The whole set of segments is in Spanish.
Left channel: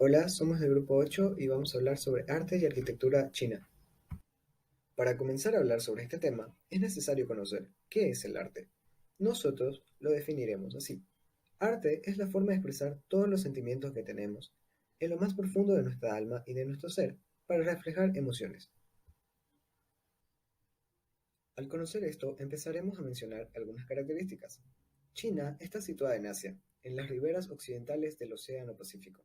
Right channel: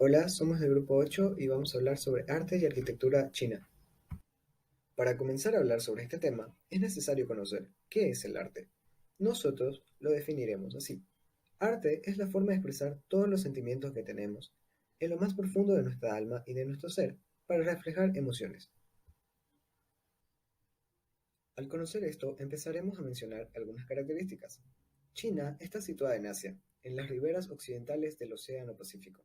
Hola, somos del grupo 8 y vamos a hablar sobre arte y arquitectura china. Para comenzar a hablar sobre este tema, es necesario conocer qué es el arte. Nosotros lo definiremos así. Arte es la forma de expresar todos los sentimientos que tenemos en lo más profundo de nuestra alma y de nuestro ser, para reflejar emociones. Al conocer esto, empezaremos a mencionar algunas características. China está situada en Asia, en las riberas occidentales del Océano Pacífico.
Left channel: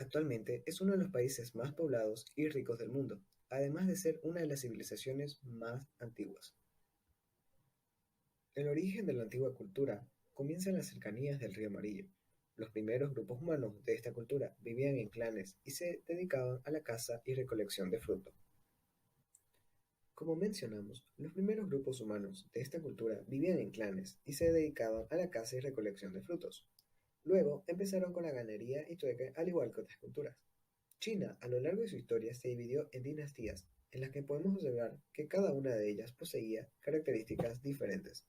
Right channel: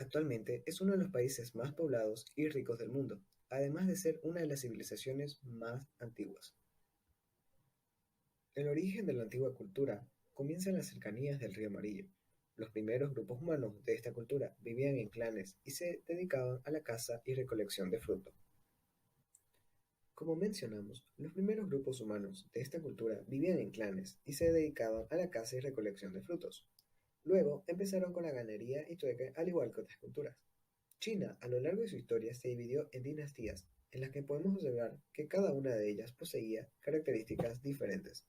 Actualmente es uno de los países más poblados y ricos del mundo, además de ser una de las civilizaciones más antiguas. El origen de la antigua cultura comienza en las cercanías del río Amarillo. Los primeros grupos humanos de esta cultura vivían en clanes y se dedicaban a la caza y recolección de frutos. Como mencionamos, los primeros grupos humanos de esta cultura vivían en clanes y se dedicaban a la caza y recolección de frutos. Luego empezaron con la ganadería y trueque, al igual que otras culturas. China, a lo largo de su historia, se dividió en dinastías, en las que podemos observar que cada una de ellas poseía características diferentes.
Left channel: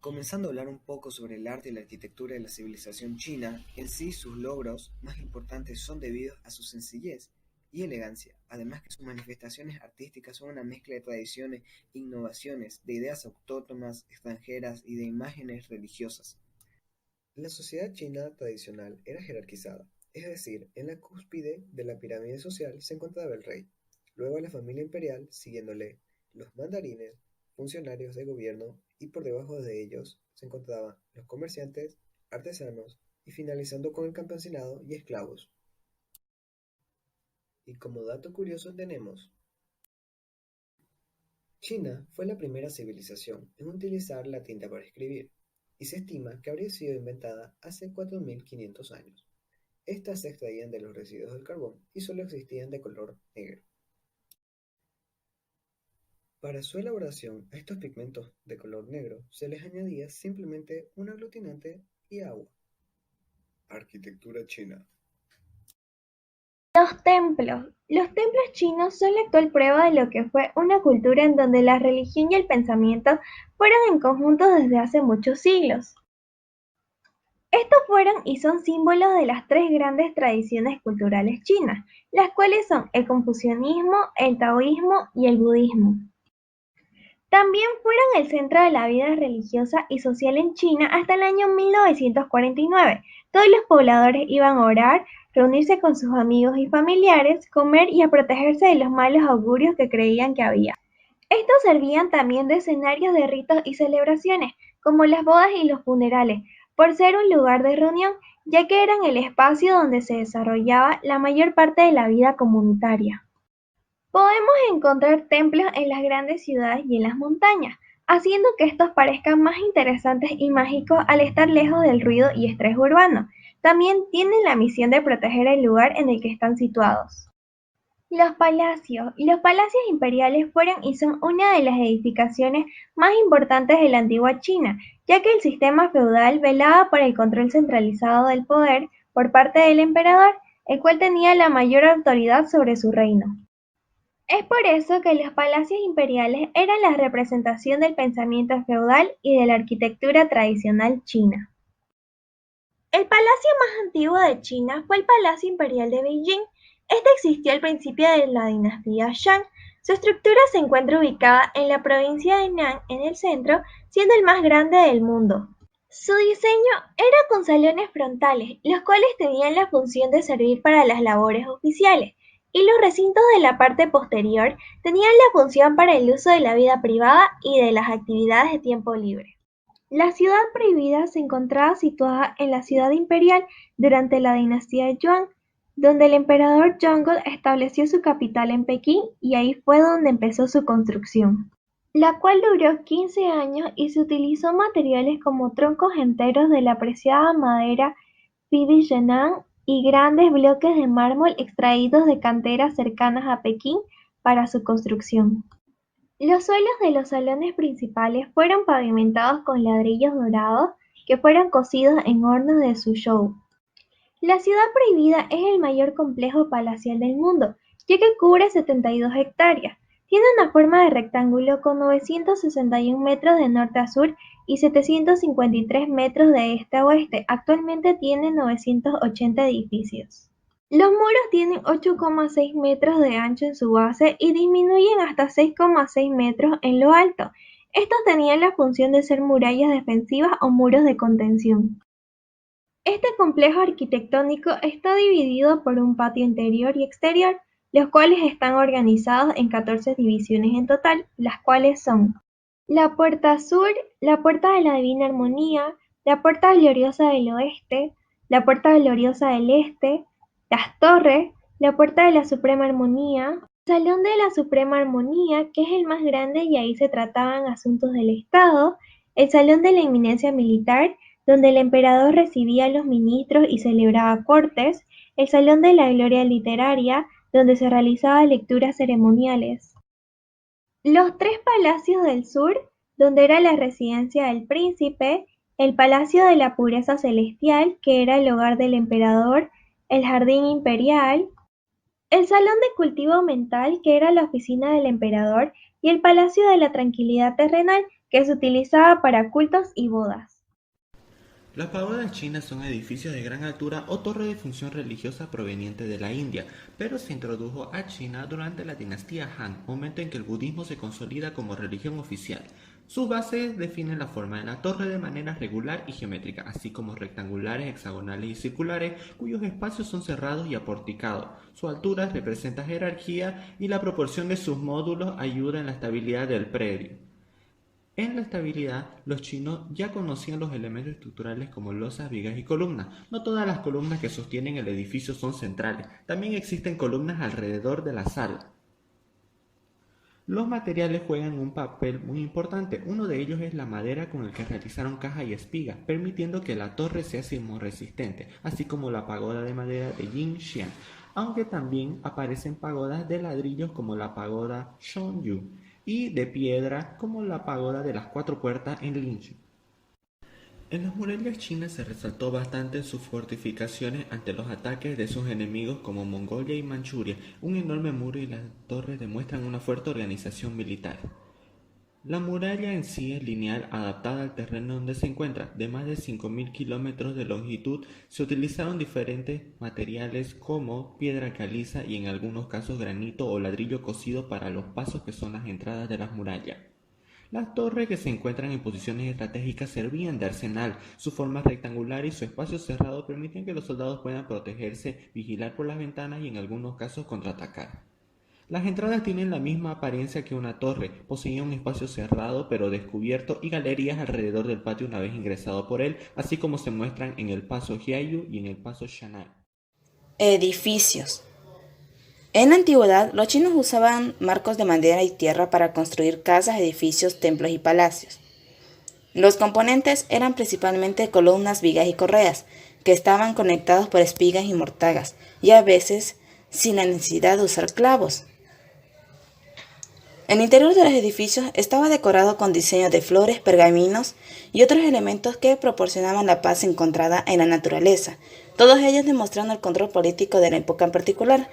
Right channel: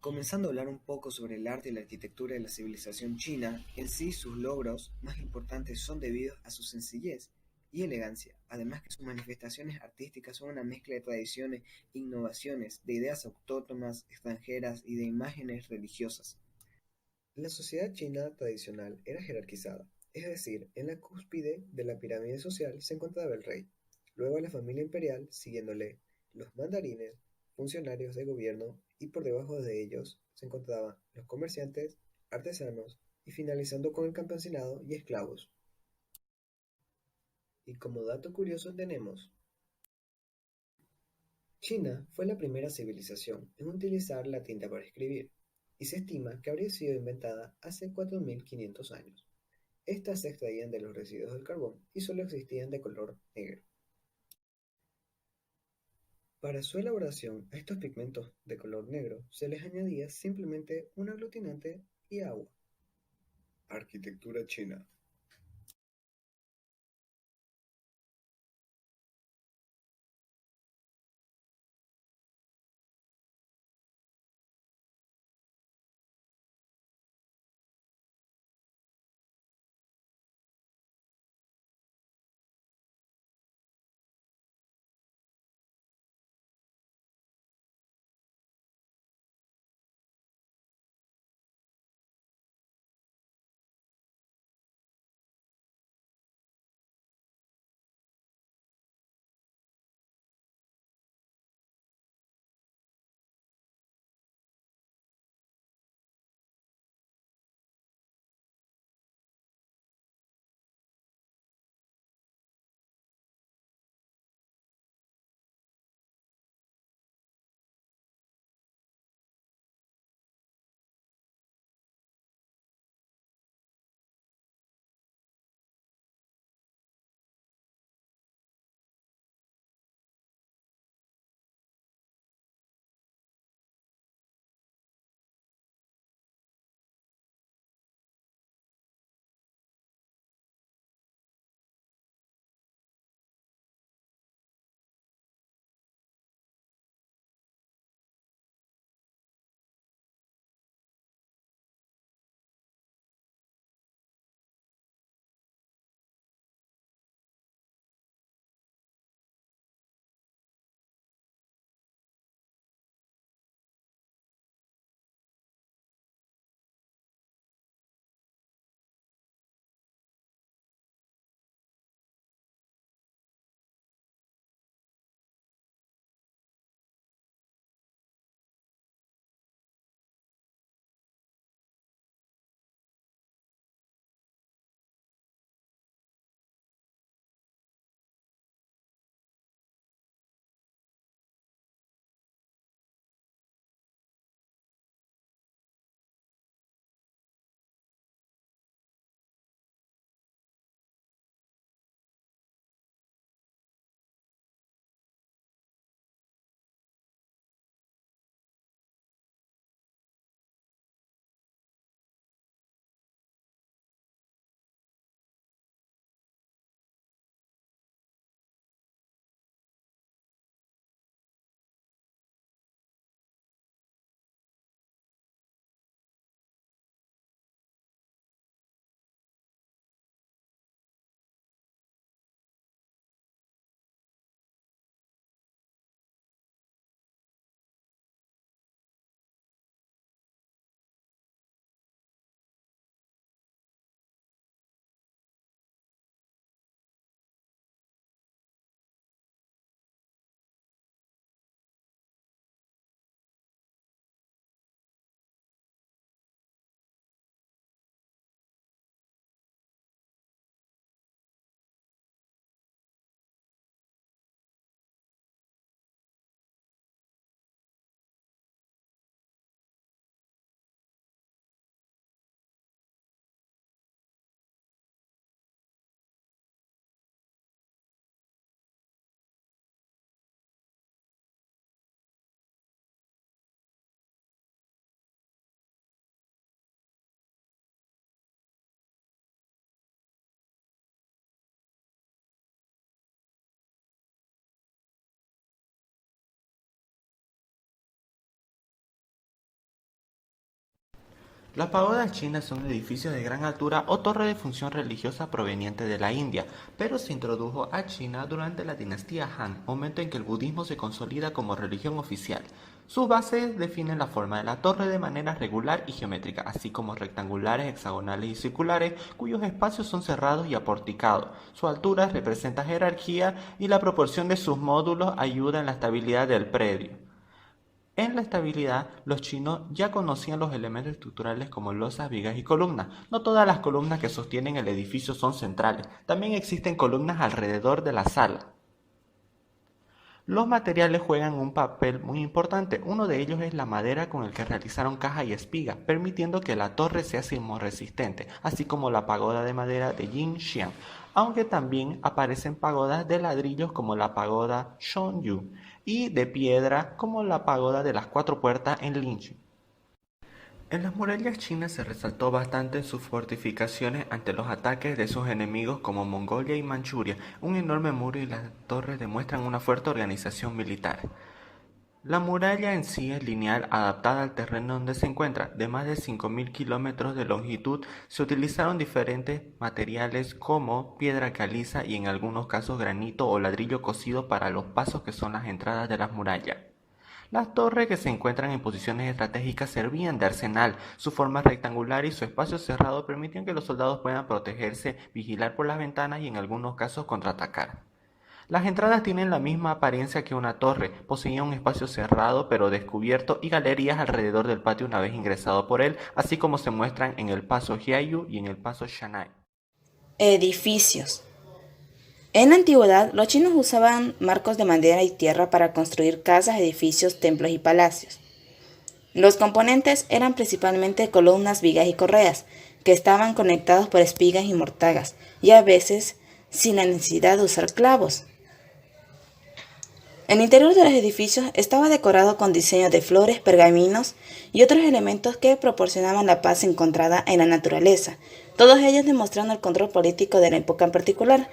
Comenzando a hablar un poco sobre el arte y la arquitectura de la civilización china, en sí sus logros más importantes son debidos a su sencillez y elegancia, además que sus manifestaciones artísticas son una mezcla de tradiciones, innovaciones, de ideas autóctonas, extranjeras y de imágenes religiosas. La sociedad china tradicional era jerarquizada, es decir, en la cúspide de la pirámide social se encontraba el rey, luego la familia imperial, siguiéndole los mandarines, funcionarios de gobierno, y por debajo de ellos se encontraban los comerciantes, artesanos y finalizando con el campesinado y esclavos. Y como dato curioso tenemos, China fue la primera civilización en utilizar la tinta para escribir, y se estima que habría sido inventada hace 4500 años. Estas se extraían de los residuos del carbón y solo existían de color negro. Para su elaboración a estos pigmentos de color negro se les añadía simplemente un aglutinante y agua. Arquitectura china. Los templos. Los templos chinos son la actual prueba de lo que fue una cultura en donde la religión y el pensamiento fueron en conjunto desde hace muchos siglos. Estos fueron y son símbolos de las tres grandes tradiciones culturales chinas, las cuales son el confucianismo, el taoísmo y el budismo. También fueron el centro de la vida religiosa y social en China hasta el año 1949. Todos los pobladores iban a orar, reunirse con sus amigos y familiares, comer y a protegerse de los malos augurios que creían que había. Estos servían también de escenarios de ritos y celebraciones, como las bodas y los funerales, por ser un lugar de reunión, ya que eran el espacio donde se desarrollaba la mayor parte de la vida comunitaria. Podemos encontrar templos en las grandes ciudades y en las montañas, haciendo que estos parezcan más interesantes y mágicos al estar lejos del ruido y estrés urbano. También tienen la misión de proteger el lugar en el que están situados. Los palacios. Los palacios imperiales fueron y son una de las edificaciones más importantes de la antigua China, ya que el sistema feudal velaba por el control centralizado del poder por parte del emperador, el cual tenía la mayor autoridad sobre su reino. Es por eso que los palacios imperiales eran la representación del pensamiento feudal y de la arquitectura tradicional china. El palacio más antiguo de China fue el Palacio Imperial de Beijing. Este existió al principio de la dinastía Shang. Su estructura se encuentra ubicada en la provincia de Nan, en el centro, siendo el más grande del mundo. Su diseño era con salones frontales, los cuales tenían la función de servir para las labores oficiales, y los recintos de la parte posterior tenían la función para el uso de la vida privada y de las actividades de tiempo libre. La ciudad prohibida se encontraba situada en la ciudad imperial durante la dinastía Yuan, donde el emperador Yongle estableció su capital en Pekín y ahí fue donde empezó su construcción, la cual duró 15 años y se utilizó materiales como troncos enteros de la apreciada madera Pidi Yan'an y grandes bloques de mármol extraídos de canteras cercanas a Pekín para su construcción. Los suelos de los salones principales fueron pavimentados con ladrillos dorados que fueron cocidos en hornos de Suzhou. La ciudad prohibida es el mayor complejo palacial del mundo, ya que cubre 72 hectáreas. Tiene una forma de rectángulo con 961 metros de norte a sur y 753 metros de este a oeste. Actualmente tiene 980 edificios. Los muros tienen 8,6 metros de ancho en su base y disminuyen hasta 6,6 metros en lo alto. Estos tenían la función de ser murallas defensivas o muros de contención. Este complejo arquitectónico está dividido por un patio interior y exterior, los cuales están organizados en 14 divisiones en total, las cuales son la Puerta Sur, la Puerta de la Divina Armonía, la Puerta Gloriosa del Oeste, la Puerta Gloriosa del Este, las Torres, la Puerta de la Suprema Armonía, el Salón de la Suprema Armonía, que es el más grande y ahí se trataban asuntos del Estado, el Salón de la Eminencia Militar, donde el emperador recibía a los ministros y celebraba cortes, el Salón de la Gloria Literaria, donde se realizaban lecturas ceremoniales. Los tres palacios del sur, donde era la residencia del príncipe, el Palacio de la Pureza Celestial, que era el hogar del emperador, el Jardín Imperial, el Salón de Cultivo Mental, que era la oficina del emperador, y el Palacio de la Tranquilidad Terrenal, que se utilizaba para cultos y bodas. Las pagodas chinas son edificios de gran altura o torre de función religiosa proveniente de la India, pero se introdujo a China durante la dinastía Han, momento en que el budismo se consolida como religión oficial. Sus bases definen la forma de la torre de manera regular y geométrica, así como rectangulares, hexagonales y circulares, cuyos espacios son cerrados y aporticados. Su altura representa jerarquía y la proporción de sus módulos ayuda en la estabilidad del predio. En la estabilidad, los chinos ya conocían los elementos estructurales como losas, vigas y columnas. No todas las columnas que sostienen el edificio son centrales, también existen columnas alrededor de la sala. Los materiales juegan un papel muy importante. Uno de ellos es la madera con el que realizaron caja y espiga, permitiendo que la torre sea sismorresistente, así como la pagoda de madera de Jinxiang, aunque también aparecen pagodas de ladrillos como la pagoda Shonyu y de piedra como la pagoda de las cuatro puertas en Linqiu. En las murallas chinas se resaltó bastante en sus fortificaciones ante los ataques de sus enemigos como Mongolia y Manchuria. Un enorme muro y las torres demuestran una fuerte organización militar. La muralla en sí es lineal, adaptada al terreno donde se encuentra. De más de 5.000 kilómetros de longitud, se utilizaron diferentes materiales como piedra caliza y en algunos casos granito o ladrillo cocido para los pasos que son las entradas de las murallas. Las torres que se encuentran en posiciones estratégicas servían de arsenal. Su forma rectangular y su espacio cerrado permitían que los soldados puedan protegerse, vigilar por las ventanas y en algunos casos contraatacar. Las entradas tienen la misma apariencia que una torre, poseían un espacio cerrado pero descubierto y galerías alrededor del patio una vez ingresado por él, así como se muestran en el paso Jiayu y en el paso Shanai. Edificios. En la antigüedad, los chinos usaban marcos de madera y tierra para construir casas, edificios, templos y palacios. Los componentes eran principalmente columnas, vigas y correas, que estaban conectados por espigas y mortagas, y a veces sin la necesidad de usar clavos. El interior de los edificios estaba decorado con diseños de flores, pergaminos y otros elementos que proporcionaban la paz encontrada en la naturaleza, todos ellos demostrando el control político de la época en particular.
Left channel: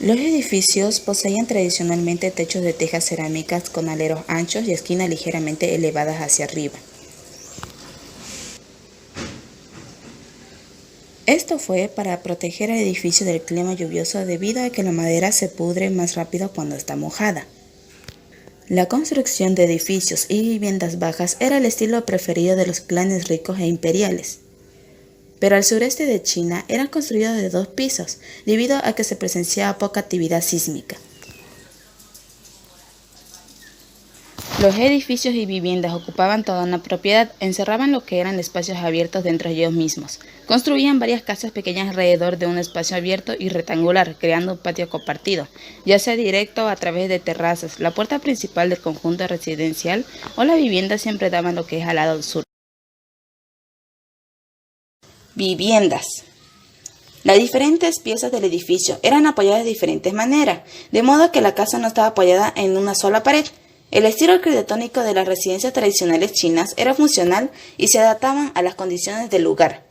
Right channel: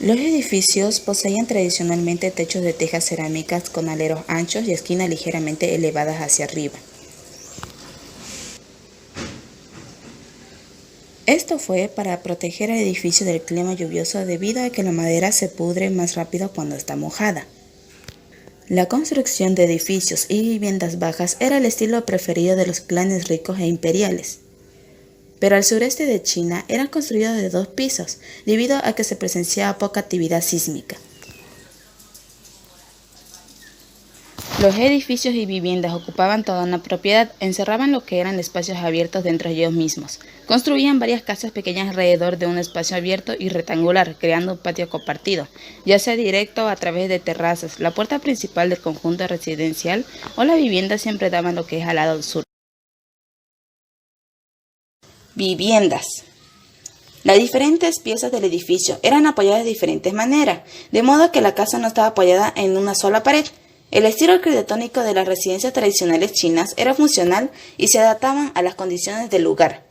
Los edificios poseían tradicionalmente techos de tejas cerámicas con aleros anchos y esquinas ligeramente elevadas hacia arriba. Esto fue para proteger el edificio del clima lluvioso debido a que la madera se pudre más rápido cuando está mojada. La construcción de edificios y viviendas bajas era el estilo preferido de los clanes ricos e imperiales. Pero al sureste de China eran construidos de 2 pisos, debido a que se presenciaba poca actividad sísmica. Los edificios y viviendas ocupaban toda una propiedad, encerraban lo que eran espacios abiertos dentro de ellos mismos. Construían varias casas pequeñas alrededor de un espacio abierto y rectangular, creando un patio compartido, ya sea directo o a través de terrazas. La puerta principal del conjunto residencial o la vivienda siempre daban lo que es al lado sur. Viviendas. Las diferentes piezas del edificio eran apoyadas de diferentes maneras, de modo que la casa no estaba apoyada en una sola pared. El estilo arquitectónico de las residencias tradicionales chinas era funcional y se adaptaban a las condiciones del lugar.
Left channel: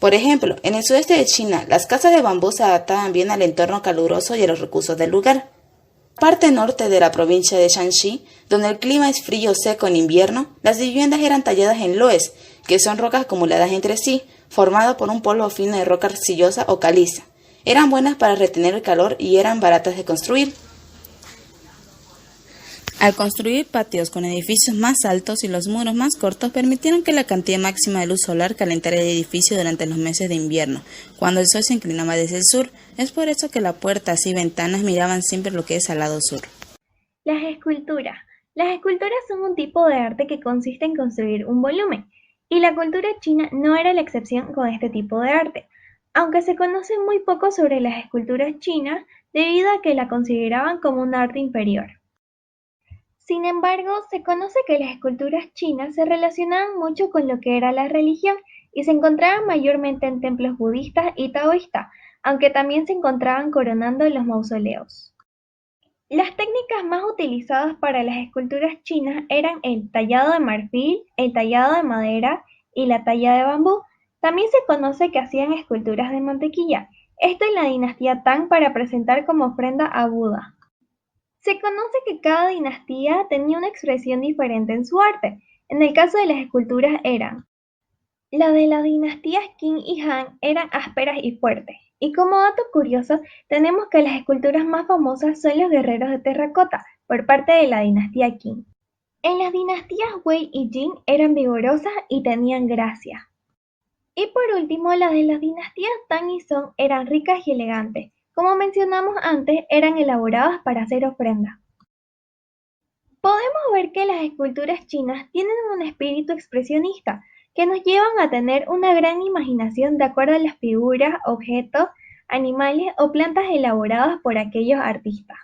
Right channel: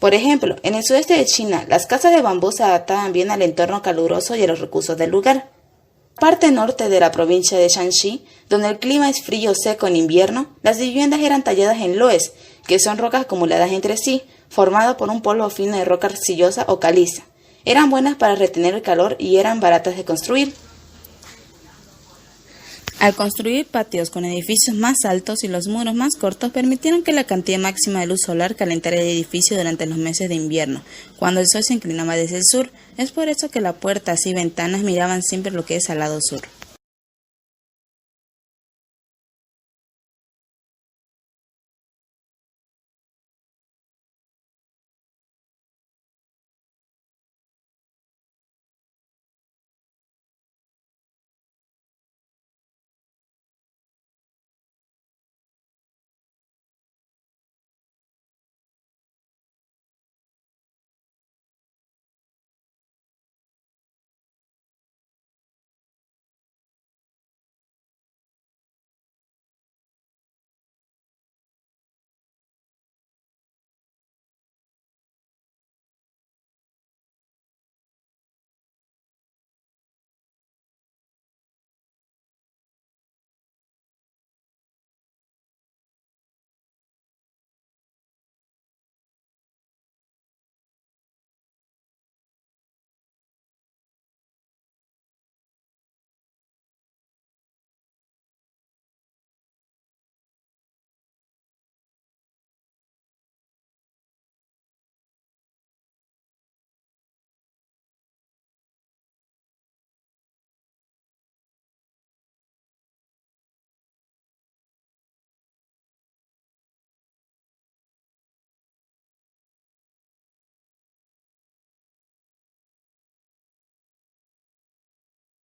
Por ejemplo, en el sudeste de China, las casas de bambú se adaptaban bien al entorno caluroso y a los recursos del lugar. Parte norte de la provincia de Shanxi, donde el clima es frío seco en invierno, las viviendas eran talladas en loes, que son rocas acumuladas entre sí, formado por un polvo fino de roca arcillosa o caliza. Eran buenas para retener el calor y eran baratas de construir. Al construir patios con edificios más altos y los muros más cortos, permitieron que la cantidad máxima de luz solar calentara el edificio durante los meses de invierno, cuando el sol se inclinaba desde el sur. Es por eso que las puertas y ventanas miraban siempre lo que es al lado sur. Las esculturas. Las esculturas son un tipo de arte que consiste en construir un volumen, y la cultura china no era la excepción con este tipo de arte, aunque se conoce muy poco sobre las esculturas chinas debido a que la consideraban como un arte inferior. Sin embargo, se conoce que las esculturas chinas se relacionaban mucho con lo que era la religión y se encontraban mayormente en templos budistas y taoístas, aunque también se encontraban coronando en los mausoleos. Las técnicas más utilizadas para las esculturas chinas eran el tallado de marfil, el tallado de madera y la talla de bambú. También se conoce que hacían esculturas de mantequilla, esto en la dinastía Tang para presentar como ofrenda a Buda. Se conoce que cada dinastía tenía una expresión diferente en su arte. En el caso de las esculturas la de las dinastías Qin y Han eran ásperas y fuertes. Y como dato curioso, tenemos que las esculturas más famosas son los guerreros de terracota, por parte de la dinastía Qin. En las dinastías Wei y Jin eran vigorosas y tenían gracia. Y por último, las de las dinastías Tang y Song eran ricas y elegantes. Como mencionamos antes, eran elaboradas para hacer ofrendas. Podemos ver que las esculturas chinas tienen un espíritu expresionista que nos llevan a tener una gran imaginación de acuerdo a las figuras, objetos, animales o plantas elaboradas por aquellos artistas.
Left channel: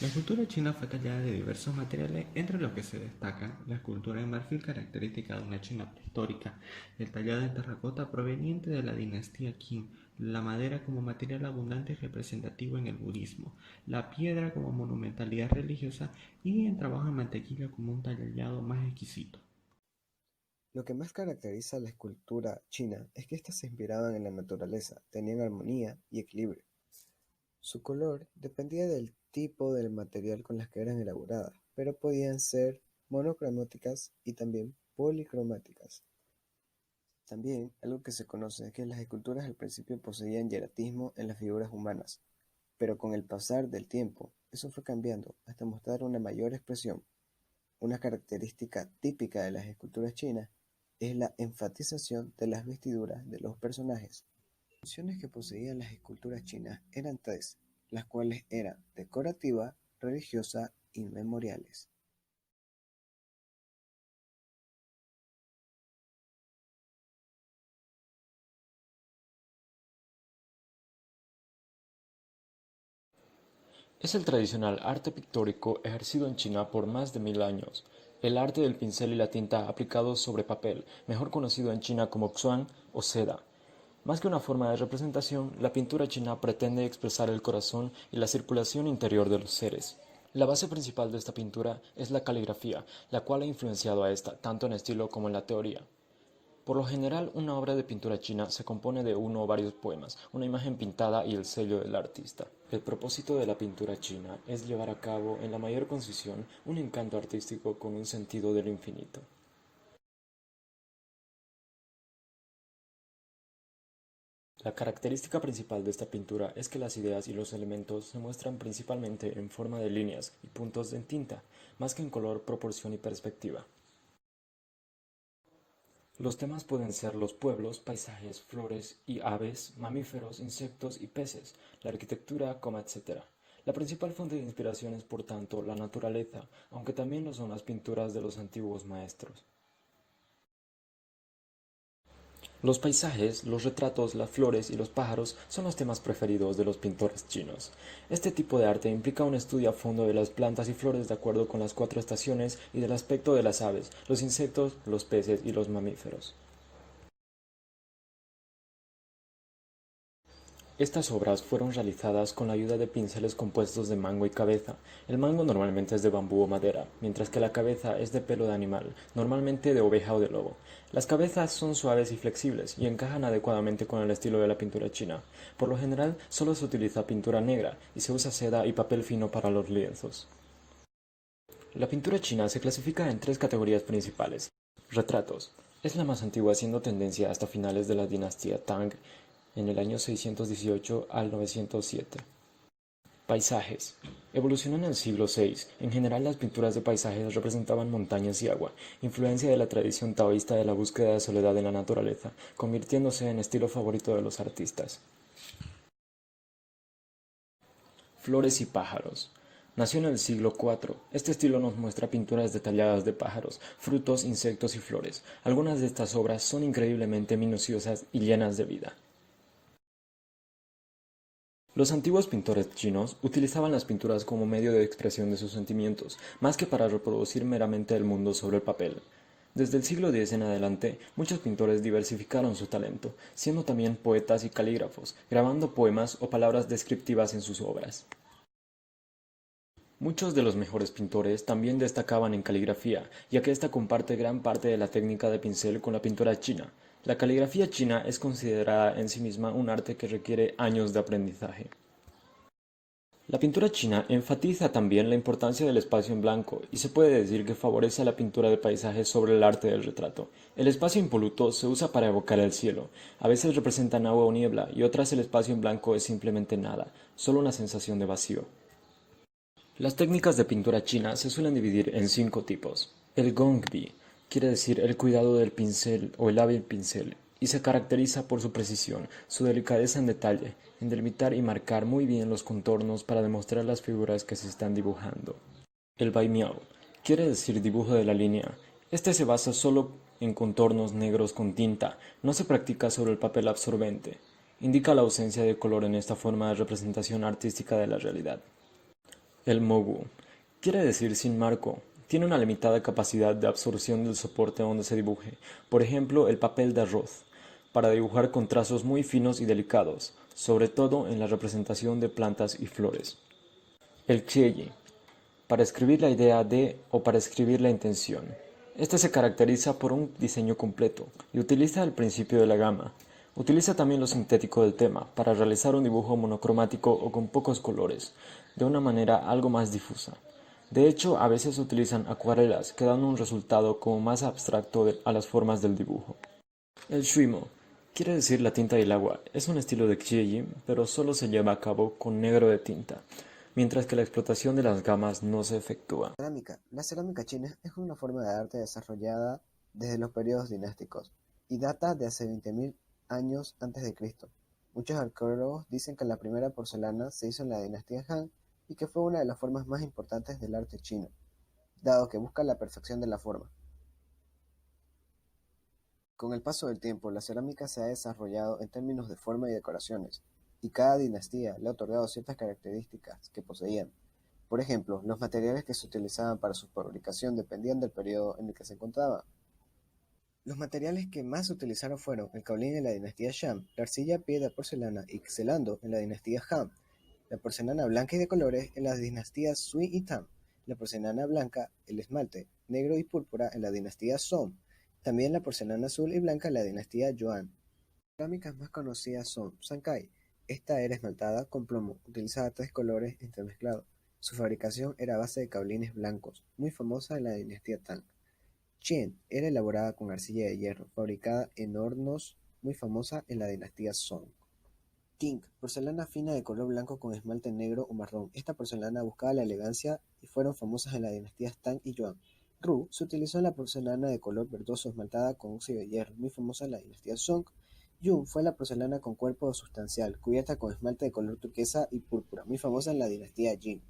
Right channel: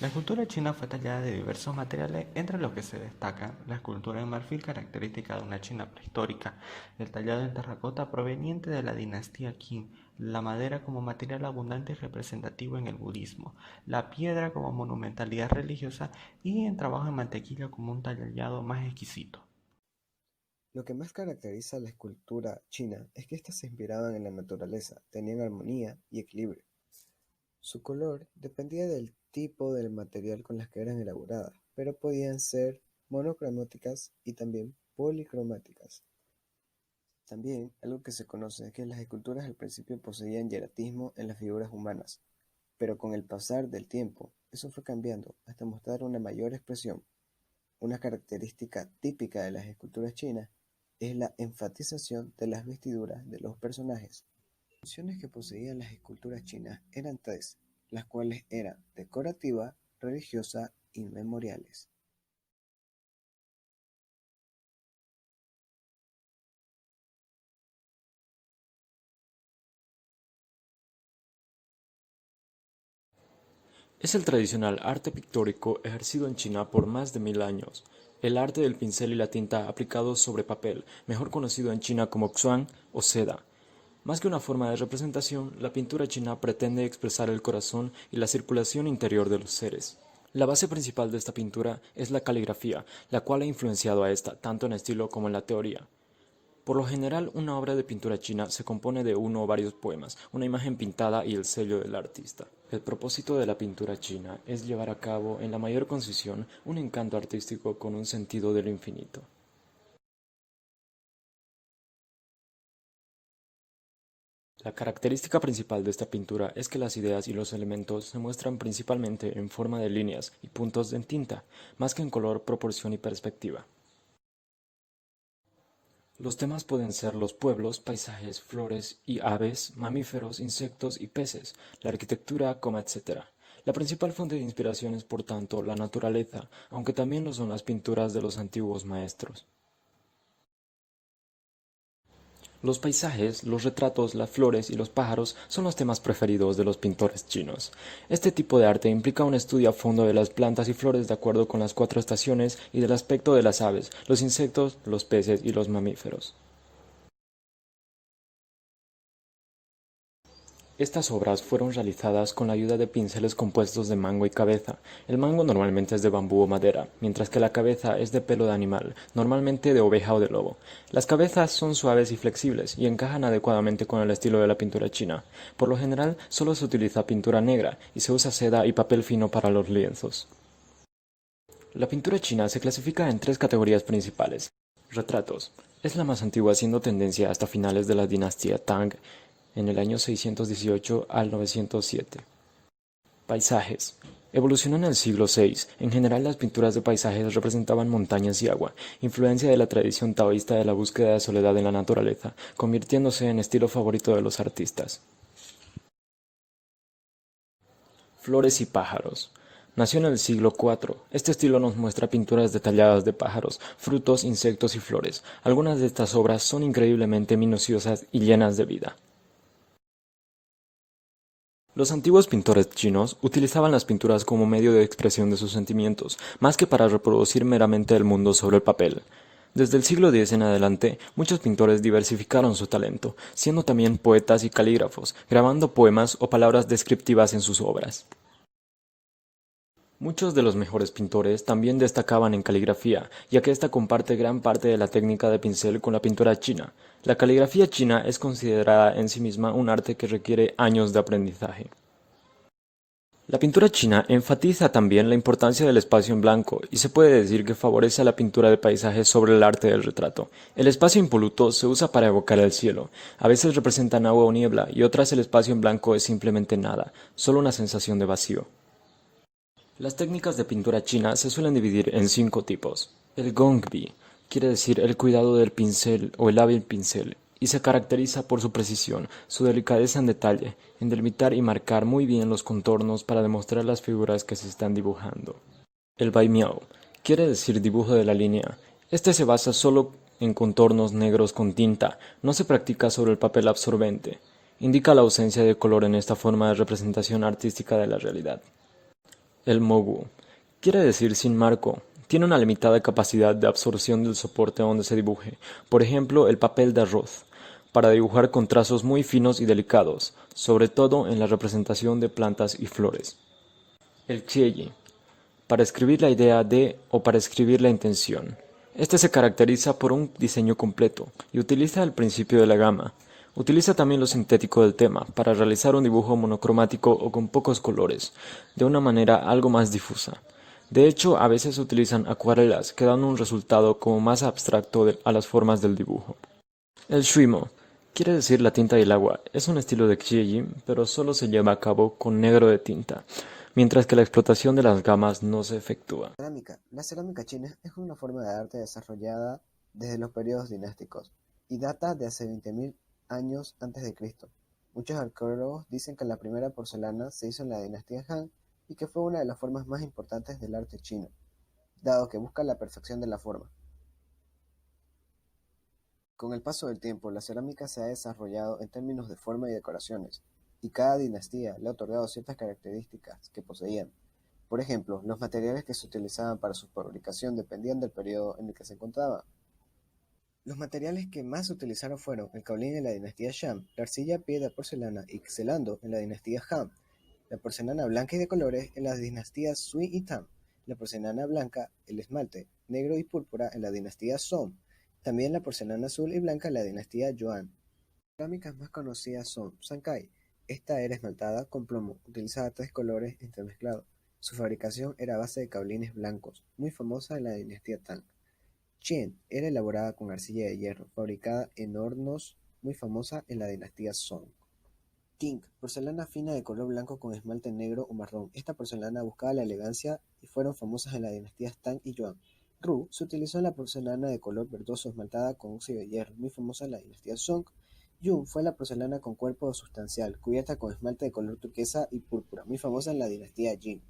La escultura china fue tallada de diversos materiales, entre los que se destacan la escultura de marfil característica de una China prehistórica, el tallado en terracota proveniente de la dinastía Qin, la madera como material abundante y representativo en el budismo, la piedra como monumentalidad religiosa y el trabajo en mantequilla como un tallado más exquisito. Lo que más caracteriza a la escultura china es que éstas se inspiraban en la naturaleza, tenían armonía y equilibrio. Su color dependía del tipo del material con las que eran elaboradas, pero podían ser monocromáticas y también policromáticas. También algo que se conoce es que las esculturas al principio poseían hieratismo en las figuras humanas, pero con el pasar del tiempo eso fue cambiando hasta mostrar una mayor expresión. Una característica típica de las esculturas chinas es la enfatización de las vestiduras de los personajes. Las funciones que poseían las esculturas chinas eran tres, las cuales eran decorativa, religiosa y memoriales. Es el tradicional arte pictórico ejercido en China por más de 1000 años. El arte del pincel y la tinta aplicados sobre papel, mejor conocido en China como xuan o seda. Más que una forma de representación, la pintura china pretende expresar el corazón y la circulación interior de los seres. La base principal de esta pintura es la caligrafía, la cual ha influenciado a esta tanto en estilo como en la teoría. Por lo general, una obra de pintura china se compone de uno o varios poemas, una imagen pintada y el sello del artista. El propósito de la pintura china es llevar a cabo, en la mayor concisión, un encanto artístico con un sentido de lo infinito. La característica principal de esta pintura es que las ideas y los elementos se muestran principalmente en forma de líneas y puntos en tinta, más que en color, proporción y perspectiva. Los temas pueden ser los pueblos, paisajes, flores y aves, mamíferos, insectos y peces, la arquitectura, etc. La principal fuente de inspiración es, por tanto, la naturaleza, aunque también lo son las pinturas de los antiguos maestros. Los paisajes, los retratos, las flores y los pájaros son los temas preferidos de los pintores chinos. Este tipo de arte implica un estudio a fondo de las plantas y flores de acuerdo con las 4 estaciones y del aspecto de las aves, los insectos, los peces y los mamíferos. Estas obras fueron realizadas con la ayuda de pinceles compuestos de mango y cabeza. El mango normalmente es de bambú o madera, mientras que la cabeza es de pelo de animal, normalmente de oveja o de lobo. Las cabezas son suaves y flexibles y encajan adecuadamente con el estilo de la pintura china. Por lo general, solo se utiliza pintura negra y se usa seda y papel fino para los lienzos. La pintura china se clasifica en 3 categorías principales: retratos, Es la más antigua, siendo tendencia hasta finales de la dinastía Tang en el año 618 al 907. Paisajes. Evolucionó en el siglo VI. En general, las pinturas de paisajes representaban montañas y agua, influencia de la tradición taoísta de la búsqueda de soledad en la naturaleza, convirtiéndose en estilo favorito de los artistas. Flores y pájaros. Nació en el siglo IV. Este estilo nos muestra pinturas detalladas de pájaros, frutos, insectos y flores. Algunas de estas obras son increíblemente minuciosas y llenas de vida. Los antiguos pintores chinos utilizaban las pinturas como medio de expresión de sus sentimientos, más que para reproducir meramente el mundo sobre el papel. Desde el siglo X en adelante, muchos pintores diversificaron su talento, siendo también poetas y calígrafos, grabando poemas o palabras descriptivas en sus obras. Muchos de los mejores pintores también destacaban en caligrafía, ya que ésta comparte gran parte de la técnica de pincel con la pintura china. La caligrafía china es considerada en sí misma un arte que requiere años de aprendizaje. La pintura china enfatiza también la importancia del espacio en blanco y se puede decir que favorece a la pintura de paisajes sobre el arte del retrato. El espacio impoluto se usa para evocar el cielo. A veces representan agua o niebla y otras el espacio en blanco es simplemente nada, solo una sensación de vacío. Las técnicas de pintura china se suelen dividir en 5 tipos. El gongbi quiere decir el cuidado del pincel o el hábil pincel, y se caracteriza por su precisión, su delicadeza en detalle, en delimitar y marcar muy bien los contornos para demostrar las figuras que se están dibujando. El baimiao quiere decir dibujo de la línea. Este se basa solo en contornos negros con tinta, no se practica sobre el papel absorbente. Indica la ausencia de color en esta forma de representación artística de la realidad. El mogu quiere decir sin marco. Tiene una limitada capacidad de absorción del soporte donde se dibuje, por ejemplo el papel de arroz, para dibujar con trazos muy finos y delicados, sobre todo en la representación de plantas y flores. El xieyi, para escribir la idea de o para escribir la intención. Este se caracteriza por un diseño completo y utiliza el principio de la gama. Utiliza también lo sintético del tema para realizar un dibujo monocromático o con pocos colores, de una manera algo más difusa. De hecho, a veces se utilizan acuarelas que dan un resultado como más abstracto a las formas del dibujo. El shuimo quiere decir la tinta y el agua. Es un estilo de xieyi, pero solo se lleva a cabo con negro de tinta, mientras que la explotación de las gamas no se efectúa. Cerámica. La cerámica china es una forma de arte desarrollada desde los periodos dinásticos y data de hace 20.000 años antes de Cristo. Muchos arqueólogos dicen que la primera porcelana se hizo en la dinastía Han y que fue una de las formas más importantes del arte chino, dado que busca la perfección de la forma. Con el paso del tiempo, la cerámica se ha desarrollado en términos de forma y decoraciones, y cada dinastía le ha otorgado ciertas características que poseían. Por ejemplo, los materiales que se utilizaban para su fabricación dependían del periodo en el que se encontraba. Los materiales que más se utilizaron fueron el caolín en la dinastía Shang, la arcilla, piedra, porcelana y celando en la dinastía Han, la porcelana blanca y de colores en las dinastías Sui y Tang, la porcelana blanca, el esmalte, negro y púrpura en la dinastía Song, también la porcelana azul y blanca en la dinastía Yuan. Las cerámicas más conocidas son Sankei. Esta era esmaltada con plomo, utilizaba 3 colores entremezclados. Su fabricación era a base de caolines blancos, muy famosa en la dinastía Tang. Qian era elaborada con arcilla de hierro, fabricada en hornos, muy famosa en la dinastía Song. Qing, porcelana fina de color blanco con esmalte negro o marrón. Esta porcelana buscaba la elegancia y fueron famosas en las dinastías Tang y Yuan. Ru se utilizó en la porcelana de color verdoso esmaltada con óxido de hierro, muy famosa en la dinastía Song. Yun fue la porcelana con cuerpo sustancial, cubierta con esmalte de color turquesa y púrpura, muy famosa en la dinastía Jin.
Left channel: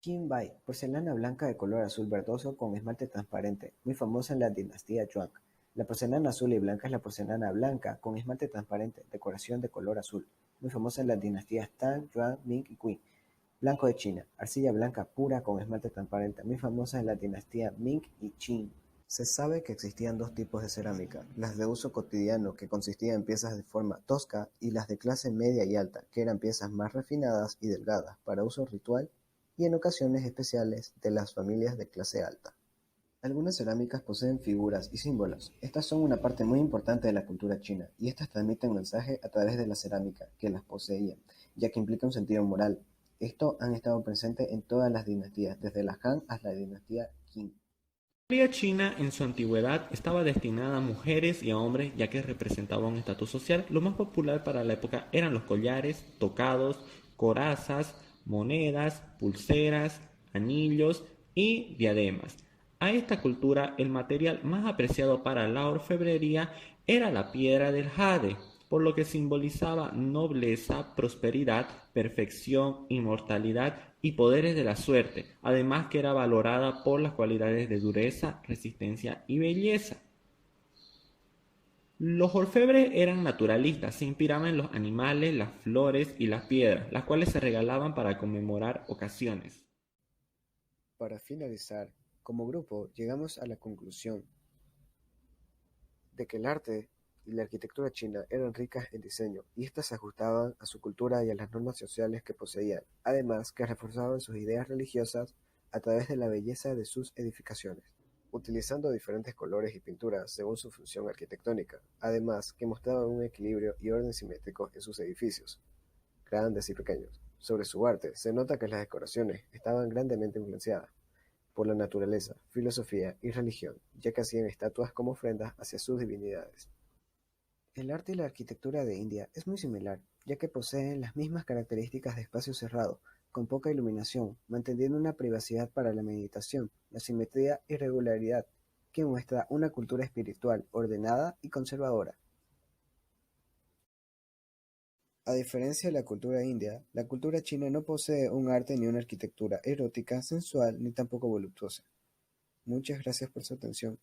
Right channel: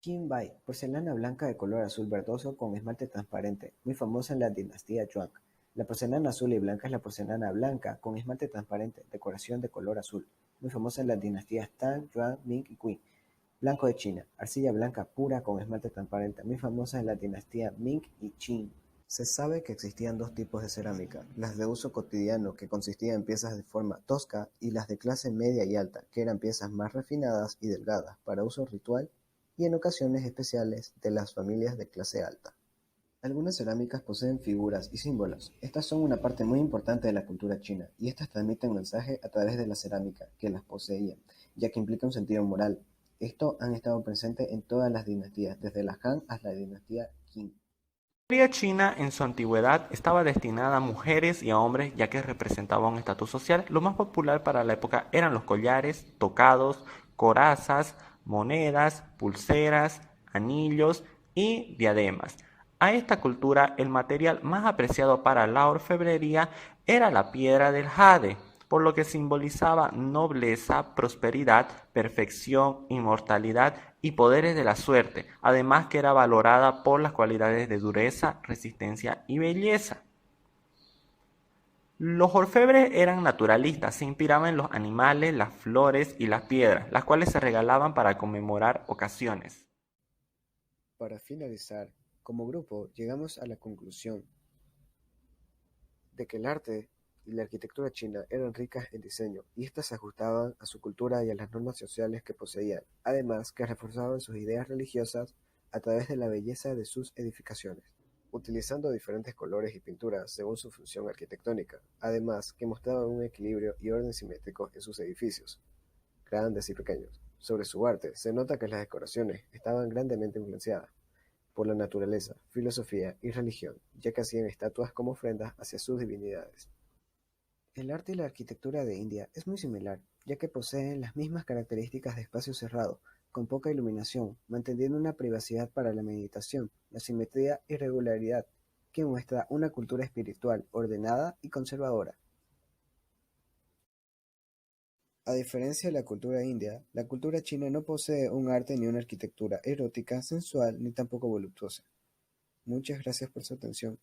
Qinbai, porcelana blanca de color azul verdoso con esmalte transparente, muy famosa en la dinastía Zhuang. La porcelana azul y blanca es la porcelana blanca con esmalte transparente, decoración de color azul, muy famosa en las dinastías Tang, Yuan, Ming y Qing. Blanco de China, arcilla blanca pura con esmalte transparente, muy famosa en la dinastía Ming y Qing. Se sabe que existían 2 tipos de cerámica, las de uso cotidiano, que consistían en piezas de forma tosca, y las de clase media y alta, que eran piezas más refinadas y delgadas, para uso ritual y en ocasiones especiales de las familias de clase alta. Algunas cerámicas poseen figuras y símbolos. Estas son una parte muy importante de la cultura china, y estas transmiten mensaje a través de la cerámica que las poseía, ya que implica un sentido moral. Esto han estado presente en todas las dinastías, desde la Han hasta la dinastía Qing. La joyería china en su antigüedad estaba destinada a mujeres y a hombres ya que representaba un estatus social. Lo más popular para la época eran los collares, tocados, corazas, monedas, pulseras, anillos y diademas. A esta cultura el material más apreciado para la orfebrería era la piedra del jade, por lo que simbolizaba nobleza, prosperidad, perfección, inmortalidad y poderes de la suerte, además que era valorada por las cualidades de dureza, resistencia y belleza. Los orfebres eran naturalistas, se inspiraban en los animales, las flores y las piedras, las cuales se regalaban para conmemorar ocasiones. Para finalizar, como grupo llegamos a la conclusión de que el arte y la arquitectura china eran ricas en diseño, y éstas se ajustaban a su cultura y a las normas sociales que poseían, además que reforzaban sus ideas religiosas a través de la belleza de sus edificaciones, utilizando diferentes colores y pinturas según su función arquitectónica, además que mostraban un equilibrio y orden simétrico en sus edificios, grandes y pequeños. Sobre su arte, se nota que las decoraciones estaban grandemente influenciadas por la naturaleza, filosofía y religión, ya que hacían estatuas como ofrendas hacia sus divinidades. El arte y la arquitectura de India es muy similar, ya que poseen las mismas características de espacio cerrado, con poca iluminación, manteniendo una privacidad para la meditación, la simetría y regularidad, que muestra una cultura espiritual ordenada y conservadora. A diferencia de la cultura india, la cultura china no posee un arte ni una arquitectura erótica, sensual ni tampoco voluptuosa. Muchas gracias por su atención.